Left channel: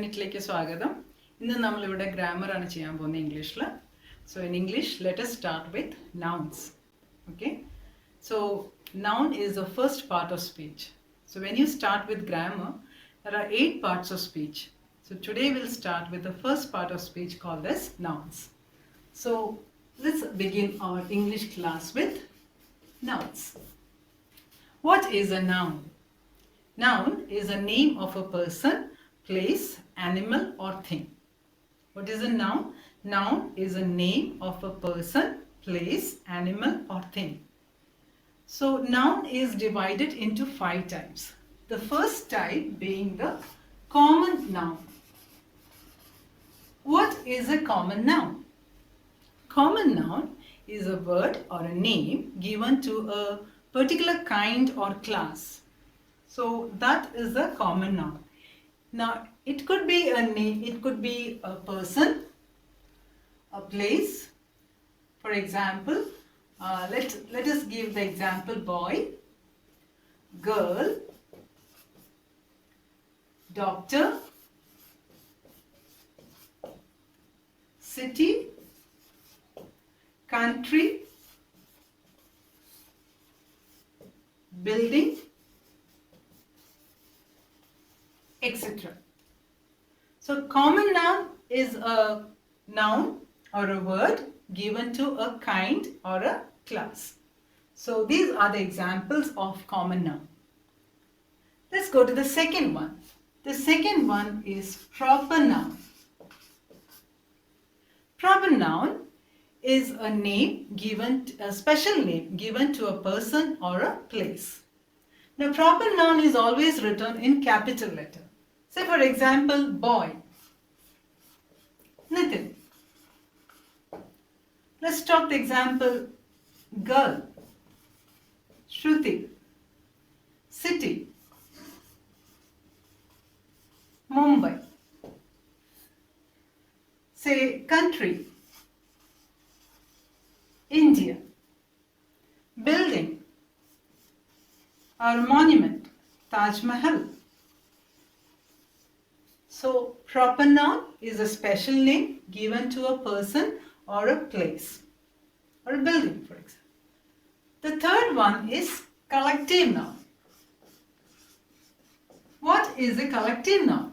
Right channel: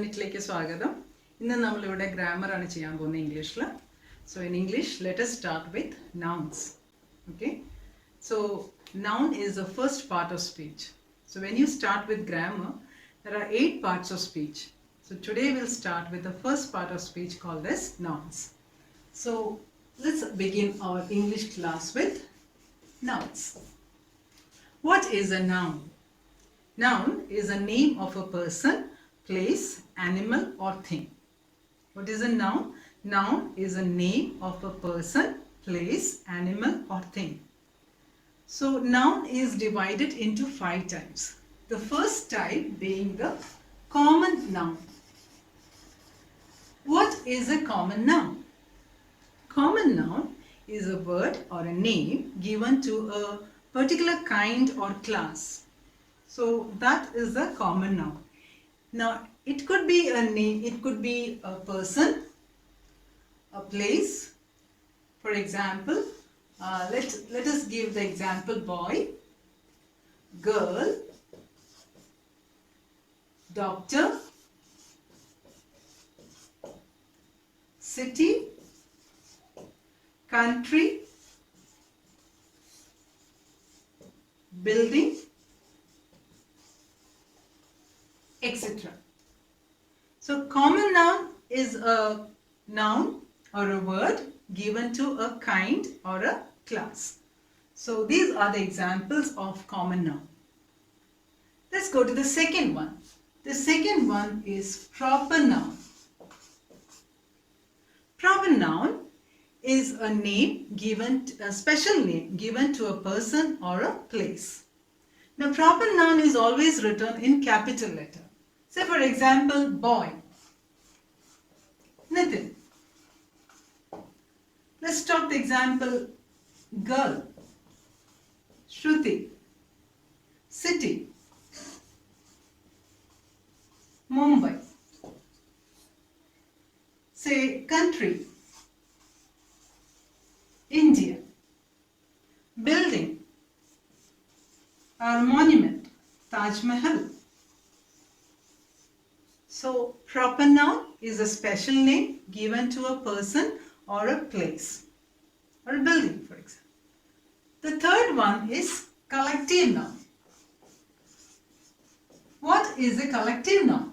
യൂണിറ്റിലേക്ക് സ്വാഗതം. ഇന്ന് നമ്മൾ ഇവിടെ ഗ്രാമർ ആണ് ചെയ്യാൻ പോകുന്നത് ഇംഗ്ലീഷിൽ. So in English, let us start with nouns. Okay? So noun is the first part of speech. So when you start with grammar, there are 8 parts of speech. So today we'll start with the first part of speech called as nouns. So let's begin our English class with nouns. What is a noun? Noun is a name of a person, place, animal or thing. What is a noun? Noun is a name of a person, place, animal or thing. So noun is divided into 5 types. The first type being the common noun. What is a common noun? Common noun is a word or a name given to a particular kind or class. So that is a common noun. Now it could be a name, it could be a person, a place. For example, let us give the example boy, girl, doctor, city, country, building, etc. So common noun is a noun or a word given to a kind or a class. So these are the examples of common noun. Let's go to the second one. The second one is proper noun. Proper noun is a name given, a special name given to a person or a place. Now proper noun is always written in capital letter. Say for example, boy, Nitin. Let's talk the example, girl, Shruti, city, Mumbai. Say country, India, building or monument, Taj Mahal. So proper noun is a special name given to a person or a place or a building, for example. The third one is collective noun. What is a collective noun?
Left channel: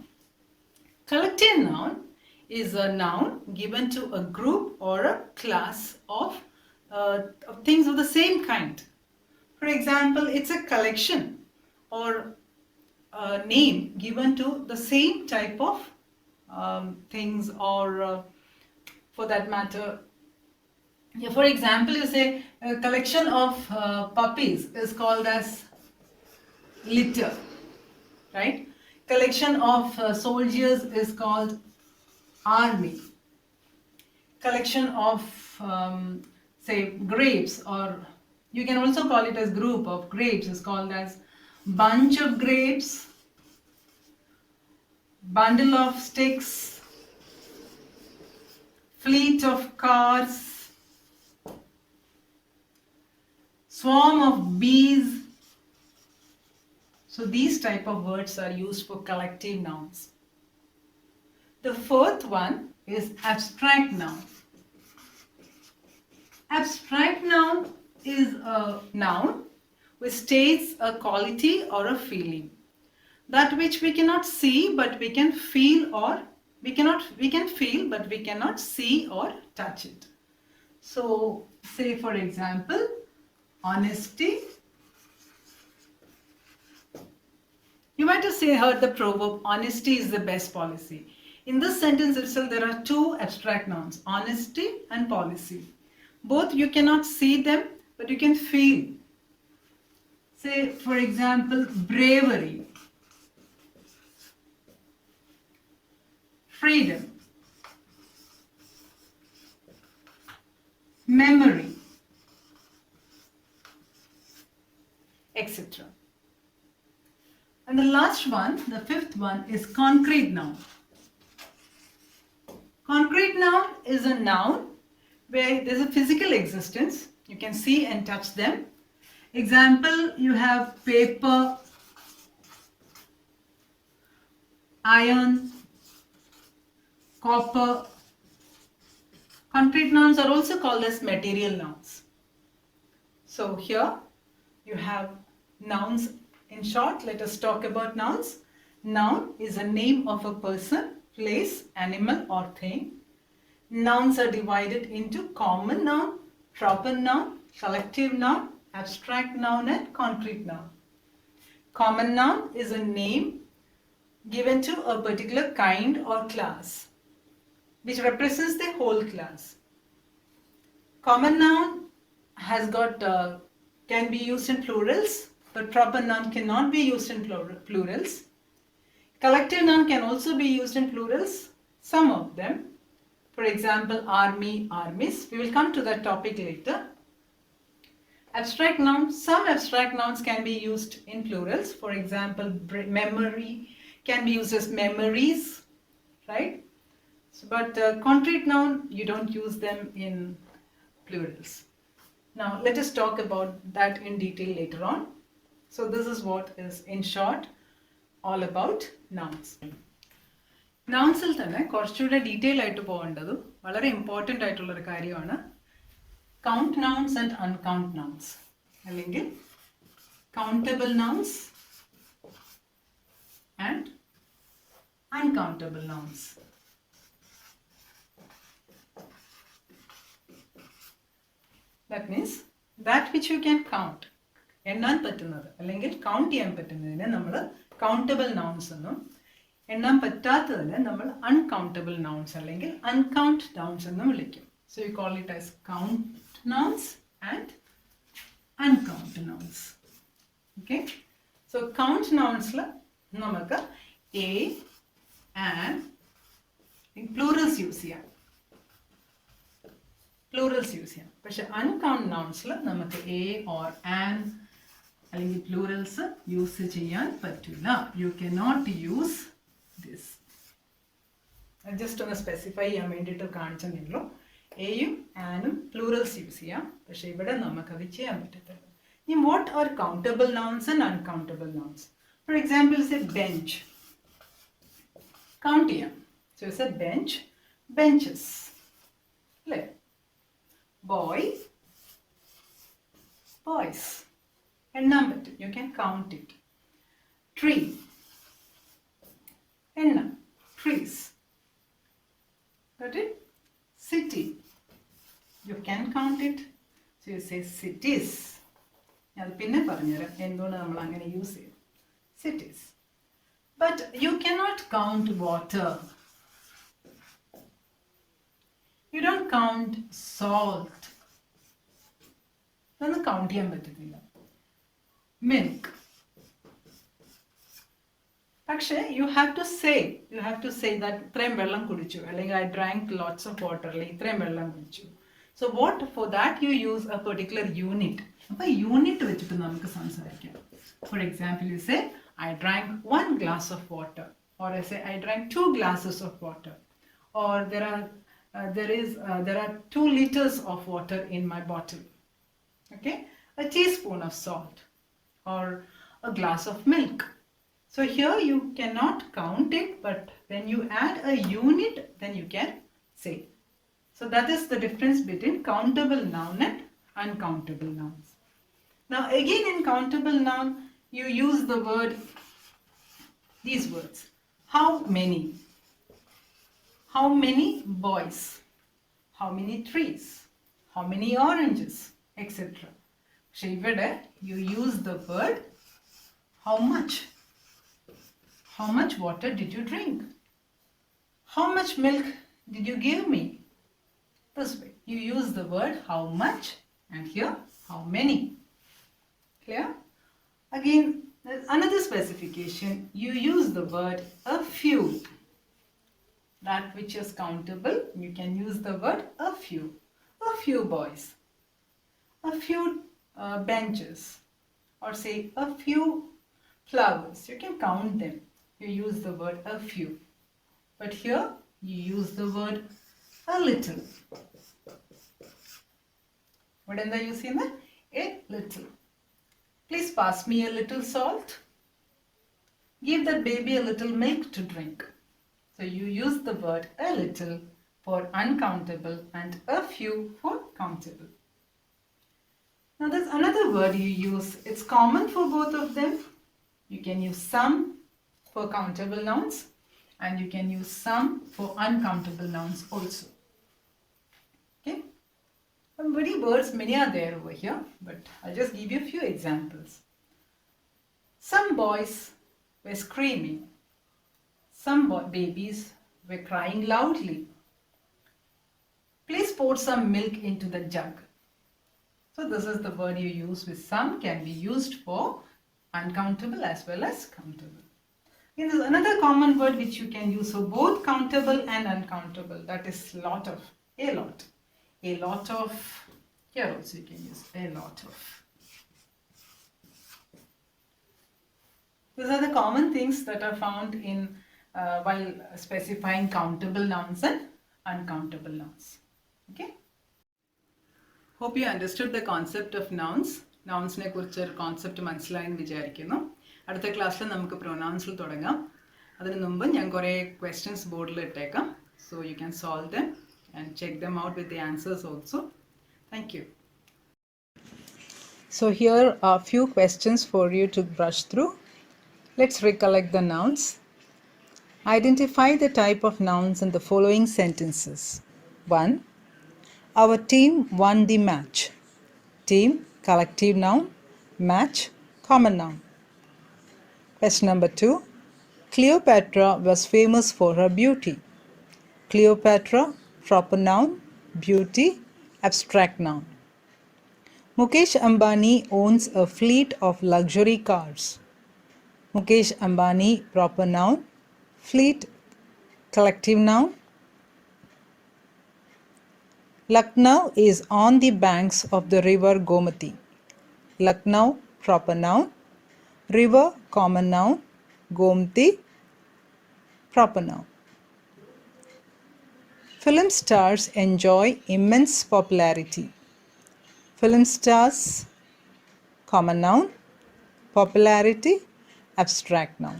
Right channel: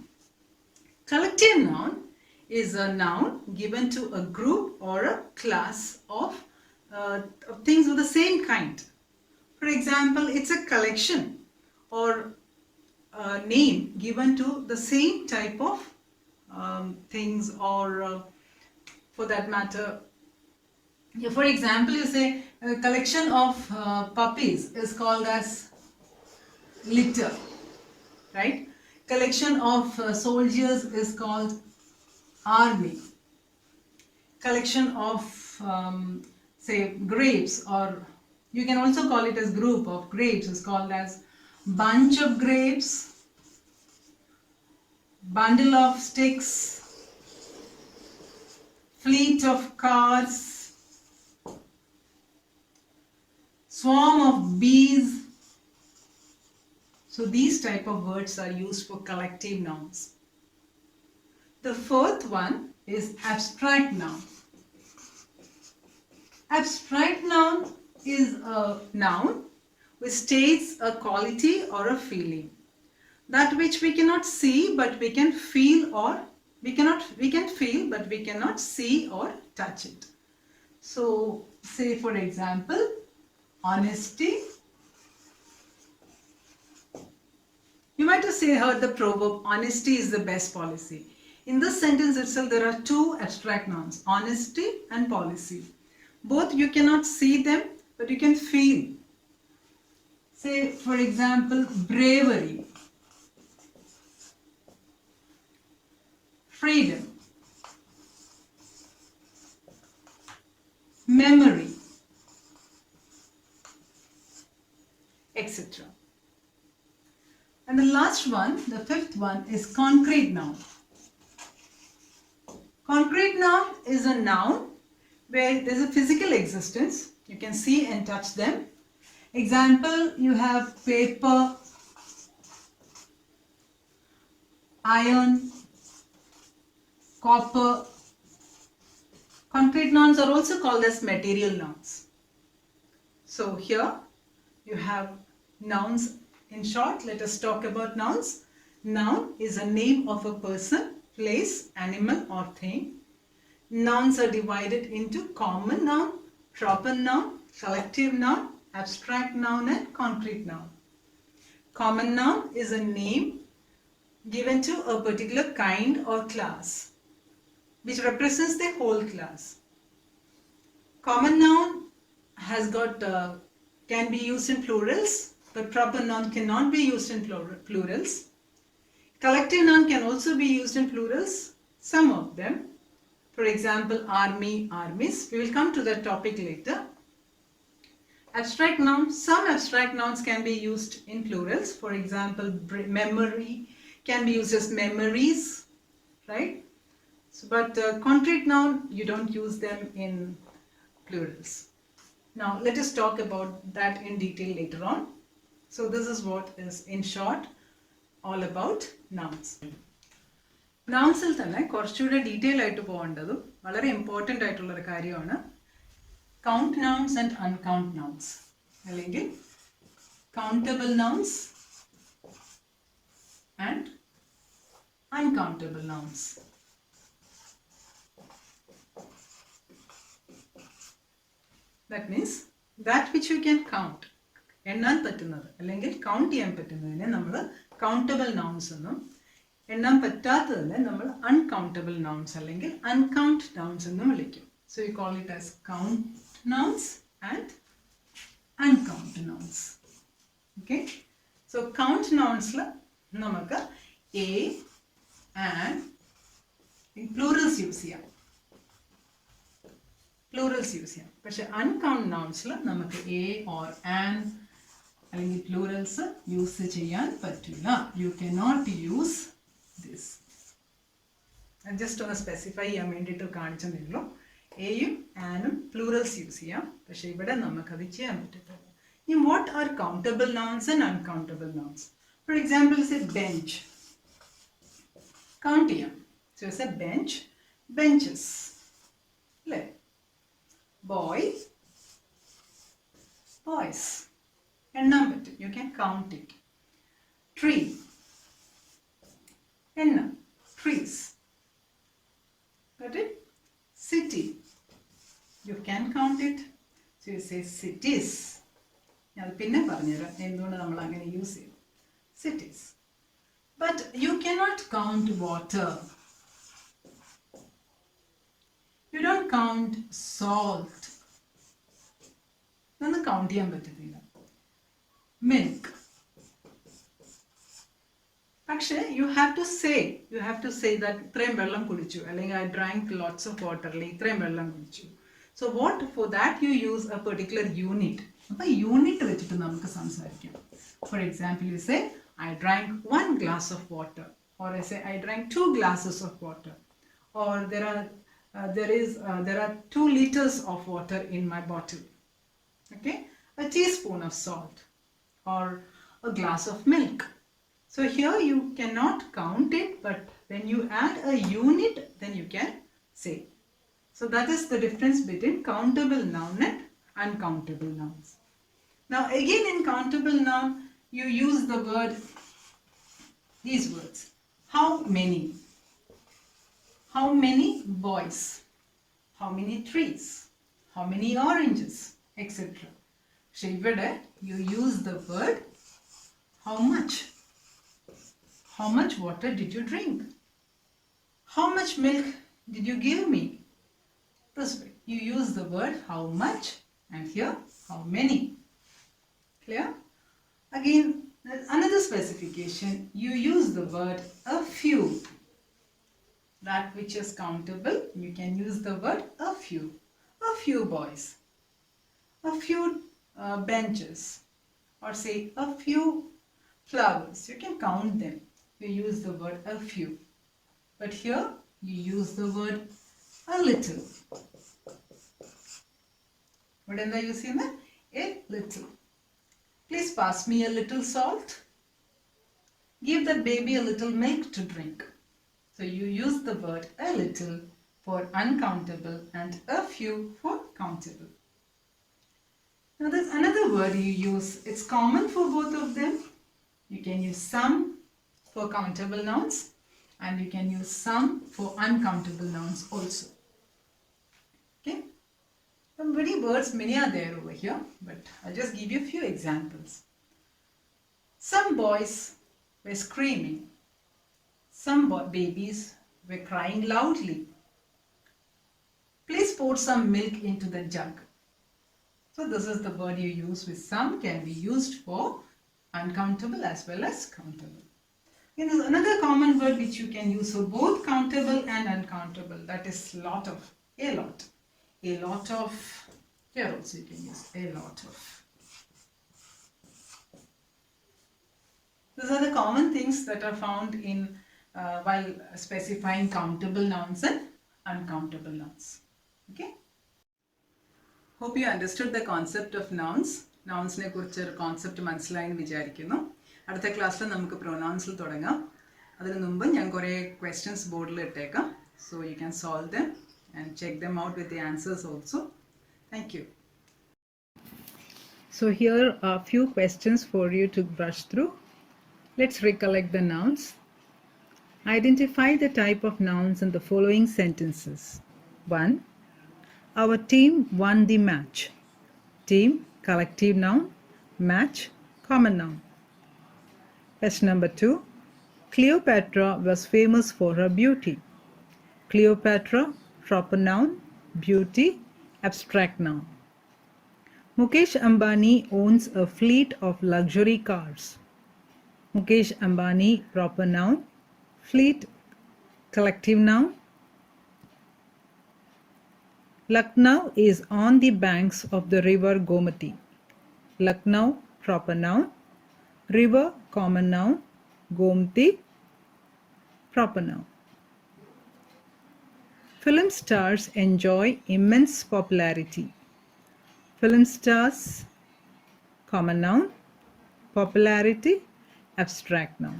Collective noun is a noun given to a group or a class of things of the same kind. For example, it's a collection or a name given to the same type of things, or for that matter, for example, you say a collection of puppies is called as litter, right? Collection of soldiers is called army. Collection of say grapes, or you can also call it as group of grapes, is called as bunch of grapes, bundle of sticks, fleet of cars, swarm of bees. So these type of words are used for collective nouns. The fourth one is abstract noun. Abstract noun is a noun which states a quality or a feeling, that which we cannot see but we can feel, or we can feel but we cannot see or touch it. So say for example, honesty. You might have heard the proverb, honesty is the best policy. In this sentence itself there are 2 abstract nouns, honesty and policy. Both you cannot see them but you can feel. Say for example, bravery, freedom, memory, etc. And the last one, the fifth one, is concrete noun. Concrete noun is a noun where there's a physical existence. You can see and touch them. Example, you have paper, iron, copper. Concrete nouns are also called as material nouns. So here you have nouns. In short, let us talk about nouns. Noun is a name of a person, place, animal or thing. Nouns are divided into common noun, proper noun, collective noun, abstract noun and concrete noun. Common noun is a name given to a particular kind or class which represents the whole class. Common noun has got can be used in plurals, but proper noun cannot be used in plurals. Collective noun can also be used in plurals, some of them. For example, army, armies. We will come to that topic later. Abstract nouns, some abstract nouns can be used in plurals. For example, memory can be used as memories, right? So, but concrete noun, you don't use them in plurals. Now, let us talk about that in detail later on. So, this is what is in short all about nouns. നൗൺസിൽ തന്നെ കുറച്ചുകൂടെ detail ആയിട്ട് പോകേണ്ടതും വളരെ important ആയിട്ടുള്ളൊരു കാര്യമാണ് count nouns and uncount nouns, അല്ലെങ്കിൽ countable nouns and uncountable nouns. That means that which you can count, എണ്ണാൻ പറ്റുന്നത് അല്ലെങ്കിൽ കൗണ്ട് ചെയ്യാൻ പറ്റുന്നതിനെ നമ്മൾ കൗണ്ടബിൾ നൗൺസ് എന്നും, എണ്ണാൻ പറ്റാത്തതിനെ നമ്മൾ അൺകൗണ്ടബിൾ നൗൺസ് അല്ലെങ്കിൽ അൺകൗണ്ട് നൗൺസ് എന്നും വിളിക്കും. So you call it as count nouns and uncount nouns. Okay, so count നൗൺസിൽ നമുക്ക് എ ആൻഡ് പ്ലൂറൽസ് യൂസ് ചെയ്യാം, പക്ഷെ അൺകൗണ്ട് നൗൺസിൽ നമുക്ക് എ ഓർ ആൻഡ് അല്ലെങ്കിൽ പ്ലൂറൽസ് യൂസ് ചെയ്യാൻ പറ്റില്ല. You cannot use this. Just ഒന്ന് സ്പെസിഫൈ ചെയ്യാൻ വേണ്ടിയിട്ട് കാണിച്ചെന്നുള്ളൂ. എയും ആനും പ്ലൂറൽസ് യൂസ് ചെയ്യാം, പക്ഷെ ഇവിടെ നമുക്കത് ചെയ്യാൻ പറ്റത്തില്ല. ഇനി what are countable nouns and uncountable nouns? For example സെ ബെഞ്ച്, കൗണ്ട് ചെയ്യാം. സോ സെ ബെഞ്ച്, ബെഞ്ചസ് അല്ലേ. ബോയ്, ബോയ്സ്, എണ്ണാൻ പറ്റും, you can count it. Tree, എണ്ണം, trees. Got it? City, you can count it. So you say cities. അത് പിന്നെ പറഞ്ഞുതരാം എന്തുകൊണ്ട് നമ്മൾ അങ്ങനെ യൂസ് ചെയ്യും. Cities. But you cannot count water. You don't count salt. അതൊന്നും കൗണ്ട് ചെയ്യാൻ പറ്റത്തില്ല. Milk. പക്ഷേ you have to say that ഇത്രയും വെള്ളം കുടിച്ചു, അല്ലെങ്കിൽ I drank lots of water, അല്ലെങ്കിൽ ഇത്രയും വെള്ളം കുടിച്ചു. So what for that you use a particular unit. അപ്പോൾ യൂണിറ്റ് വെച്ചിട്ട് നമുക്ക് സംസാരിക്കാം. For example you say I drank 1 glass of water, or I say I drank 2 glasses of water, or there are 2 liters of water in my bottle. Okay, a teaspoon of salt or a glass of milk. So here you cannot count it, but when you add a unit, then you can say. So that is the difference between countable noun and uncountable nouns. Now again in countable noun, you use the word, these words. How many? How many boys? How many trees? How many oranges? Etc. So here you use the word how much. How much water did you drink? How much milk did you give me? This way. You use the word how much and here how many. Clear? Again, another specification. You use the word a few. That which is countable, you can use the word a few. A few boys. A few benches. Or say a few flowers. You can count them. You use the word a few. But here you use the word a little. What is the use in that? A little. Please pass me a little salt. Give that baby a little milk to drink. So you use the word a little for uncountable and a few for countable. Now there's another word you use. It's common for both of them. You can use some for countable nouns and you can use some for uncountable nouns also. Okay? Many are there over here, but I'll just give you a few examples. Some boys were screaming. Some babies were crying loudly. Please pour some milk into the jug. So this is the word you use with some, can be used for uncountable as well as countable. Okay, there's another common word which you can use for both countable and uncountable. That is lot of, a lot. A lot of, here also you can use a lot of. These are the common things that are found in while specifying countable nouns and uncountable nouns. Okay? Hope you understood the concept of nouns. Nouns ne kurichu oru concept മനസ്സിലായെന്ന് വിചാരിക്കുന്നു. അടുത്ത ക്ലാസ്സിൽ നമുക്ക് pronounsൽ തുടങ്ങാം. അതിനു മുമ്പ് ഞാൻ കുറേ questions ബോർഡിൽ ഇട്ടേക്കാം. So you can solve them and check them out with the answers also. Thank you. So here are few questions for you to brush through. Let's recollect the nouns. Identify the type of nouns in the following sentences. 1. Our team won the match. Team, collective noun. Match, common noun. Question number 2. Cleopatra was famous for her beauty. Cleopatra, proper noun. Beauty, abstract noun. Mukesh Ambani owns a fleet of luxury cars. Mukesh Ambani, proper noun. Fleet, collective noun. Lucknow is on the banks of the river Gomati. Lucknow, proper noun. River, common noun. Gomati, proper noun. Film stars enjoy immense popularity. Film stars, common noun. Popularity, abstract noun.